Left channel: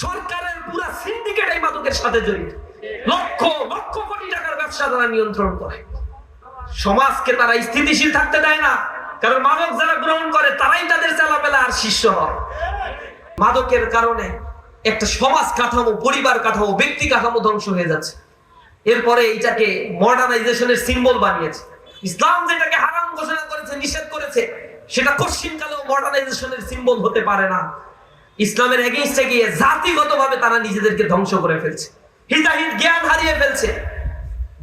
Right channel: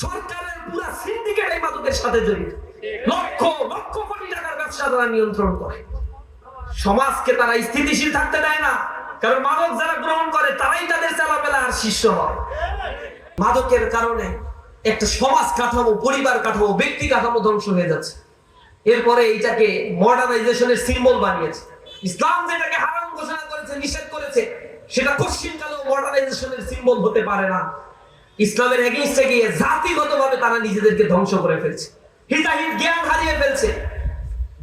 সরকারের পুরো সিন্ডিকেট এই মাদকের সাথে জড়িত। লক্ষ লক্ষ কোটি টাকার ব্যবসা তারা নিয়ন্ত্রণ করে। সমাজকে তারা স্থিতিশীল থাকতে দেয় না, কারণ মাদক যারা গ্রহণ করে তারাই তাদের চালাবেলা আর শিষ্য হয়। মাদকের কারণে একটা সমাজ কাঠামো, পরিবার কাঠামো, ব্যক্তি কাঠামো ধ্বংস হয়ে যাচ্ছে। এরপরে এইটাকে মডার্নাইজেশনের সিম্বল বানিয়েছে। ইসলাম যেটাকে হারাম ঘোষণা করেছে, নিষেধ করেছে, সেটা কোশ্চিনকালেও মডার্নাইজেশনের সিম্বল হতে পারে না। ইসলামের এগেইনস্টে গিয়ে জাতিগতভাবে তারা নিজেদেরকে ধ্বংস করে ফেলছে, হিতাহিত জ্ঞান হারিয়ে ফেলছে।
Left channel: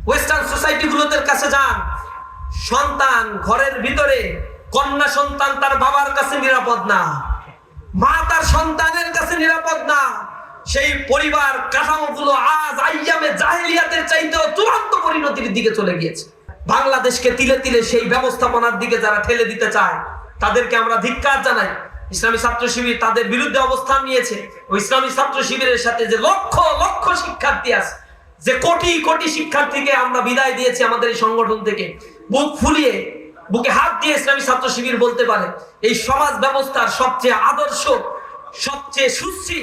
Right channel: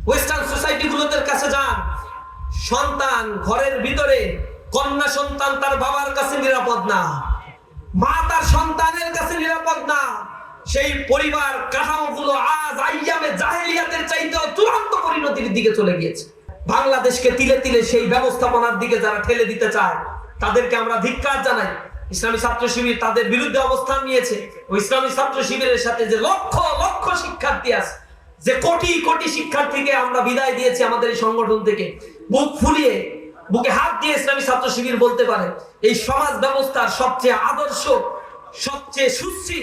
ওয়েস্টার্ন সোসাইটি গুলোতে কাছে যান, সন্তান ঘরের ভিতরে, কন্যা সন্তান তার বাবার কাছে নিরাপদ না, মা তার সন্তানের কাছে নিরাপদ না। সেই পরিবার কাঠামোগুলো আজ আইয়ামে জাহেলিয়াতের চাইতেও চূড়ান্ত পরিণতির দিকে চলে গিয়েছে। বাংলাদেশকে তিলে তিলে সেই ব্যবস্থাপনার দিকে যারা ঠেলে দিতে চায় তাদেরকে আমরা ধিক্কার জানাই। ইসলামী ছাত্র শিবির তাদের বিরুদ্ধে অবস্থান নিয়েছে। ওই ইসলামী ছাত্র শিবিরের সাথে যে লক্ষ লক্ষ শিক্ষার্থী আছে, যে কোটি কোটি শিক্ষার্থীকে আমরা বিদায় দিয়েছি আমাদের এই সংগঠন থেকে, বুক ফুলিয়ে বুকে হাত দিয়ে ইসলামী ছাত্র শিবির বলতে পারে এই সমাজ ব্যবস্থার সবচেয়ে আদর্শ, সবচেয়ে সুশ্রী,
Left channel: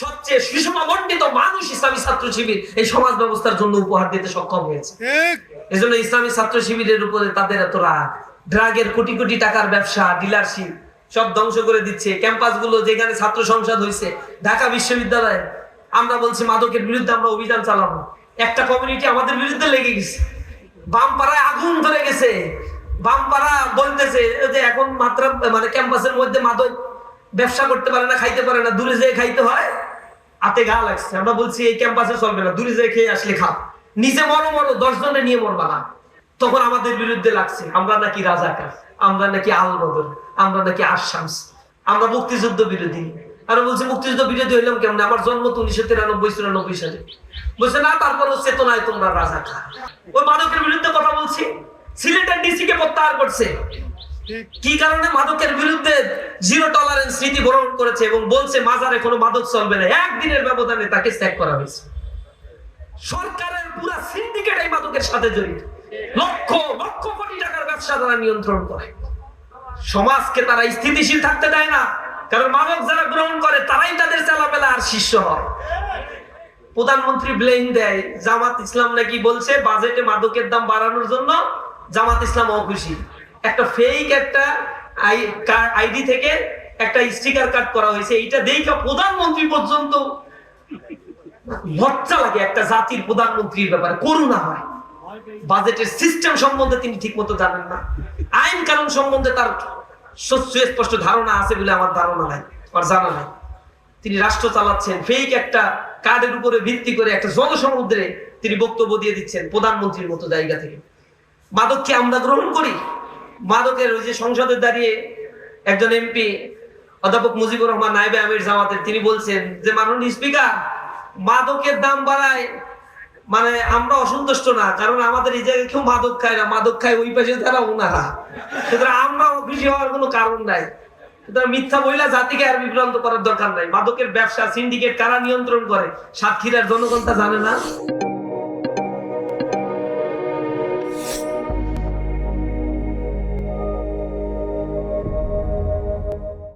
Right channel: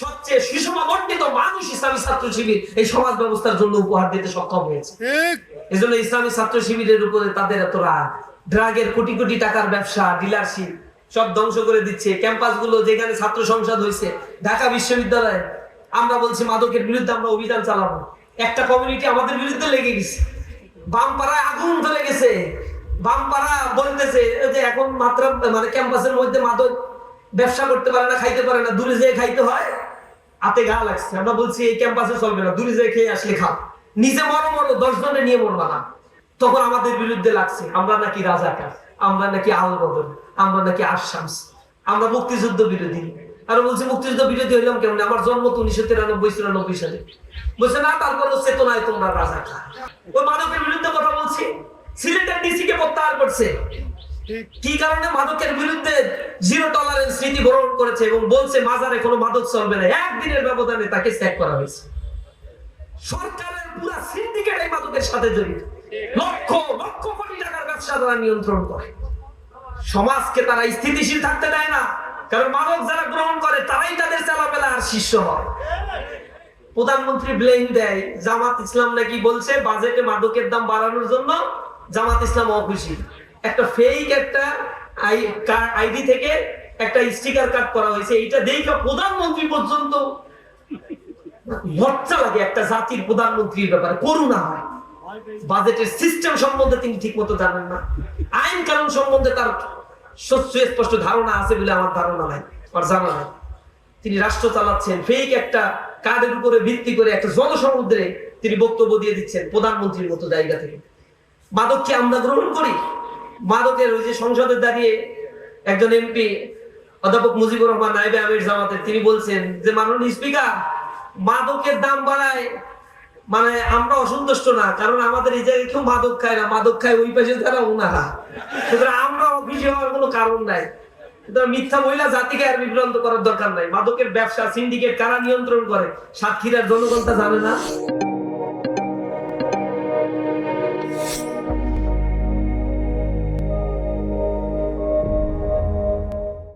সবচেয়ে সুষমবর্ণিত মানুষ ইসলামী ছাত্র শিবির এই সমাজ ব্যবস্থার জন্য উপহার দিতে সক্ষম হয়েছে। এই জন্য ইসলামী ছাত্র শিবিরের উপরে তাদের এত রাগ। ড্রাগের কোটি কোটি টাকার ব্যবসা, ডিলারশিপ সব ধ্বংস করে দিচ্ছে। ক্যাম্পাস গুলো যেখানে ছাত্র সংসদ হয়েছে, ঢাকা বিশ্ববিদ্যালয়ে, আমরা বলছি মাদকের বিরুদ্ধে আমরা অভিযান চালাবো। একটা কমিউনিটি আমাদের বিরুদ্ধে লেগে গেছে, বামপাড়ায় আগুন ধরে গেছে। বামপাড়া বলতেছে যে এখন মাত্র মানে ক্যাম্পাসের মধ্যে মাদক ব্যবসা করতে পারে না, খাইতে পারে না, দূরে যেয়ে খাইতে হয়। হাতে গা লাগছে। আমরা বলছি এই ক্যাম্পাসে চলবে না, দূরে যেয়ে খেয়ে আসলে খাও, নিজে মরো মরো, 10 জনে নিয়ে মরবা না। তখন আমাদের বিরুদ্ধে লাগছে আমরা নাকি রাজাকার, আমরা নাকি আল বদর, আমরা নাকি আশামস, আমরা মুক্তিযুদ্ধ বিরোধী। আর বলছি মুক্তিযুদ্ধ বিরোধী হইলাম কেমন? আমার জন্ম তো 1993-94 সালে। বলছে না, তারপরও চেতনায় তোমরা রাজাকার। ওই মাদকের বিরুদ্ধে কথা বলছি। সিলেটের ডিসি কে প্রত্যাহার করছে কি কারণে? মাদকের বিরুদ্ধে জিরো টলারেন্স নীতি গ্রহণ করেছে এবং বলছে মাজারে কোনো মাদক চলবে না। একদিনের ব্যবধানে তাকে স্যাক করা হয়েছে। সরকারের পুরো সিন্ডিকেট এই মাদকের সাথে জড়িত। লক্ষ লক্ষ কোটি টাকার ব্যবসা তারা নিয়ন্ত্রণ করে। সমাজকে তারা স্থিতিশীল থাকতে দেয় না, কারণ মাদক যারা গ্রহণ করে তারাই তাদের চালাবেলা আর শিষ্য হয়। প্রধানমন্ত্রী ব্লেম দেয় জামাত ইসলাম নাকি বলছে বাজেটে মাদকের দাম বাড়ানোর জন্য জামাত ইসলাম অখুশি। একটা ফেক একটা আইডি থেকে একটা স্টিকার কাট করা হয়েছে, এইটা দেখে প্রধানমন্ত্রী পর্যন্ত লজ্জা লাগে। একটা জাতির প্রধানমন্ত্রীর ব্যাপারে করুণা হয়। বাজেটের সিস্টেম সম্বন্ধে তিনি ঠিক মতো জানেন না, আইন কানুন সম্বন্ধে তার সুস্পষ্ট ধারণা আছে বলে আমার ধারণা নাই, আমার জানা নাই। তিনি রাষ্ট্র চালাচ্ছেন ফেক একটা কার্ডের উপরে ভিত্তি করে একটা জনসমুদ্রে তিনি বক্তব্য দিয়ে দিচ্ছেন প্রধানমন্ত্রীর মতো জায়গা থেকে। মাদক কি আমরা গ্রহণ করি? মাদকের ওই যে সংসদে দাঁড়িয়ে একজন এমপি অধ্যাপক মুজিবুর রহমান নায়েবে আমির জামাতের, তিনি বলছেন যে মাননীয় স্পিকার, মাদকের দাম বাড়ায় মানে আমরা অসন্তুষ্ট না, কারণ আমাদের এই জায়গায় কেউ মাদক খায় না, মাদক খায় ওই পাশে তারা ওনারা, সুতরাং আমরা খুশি হওয়ার কোনো কারণ নাই। মিথ্যা বইলা জাতিকে আর বিভ্রান্ত করার দরকার নাই। মাদকের ব্যবসা সিন্ডিকেট কারা নিয়ন্ত্রণ করে সাতক্ষীরার জনগণ তা জানে না।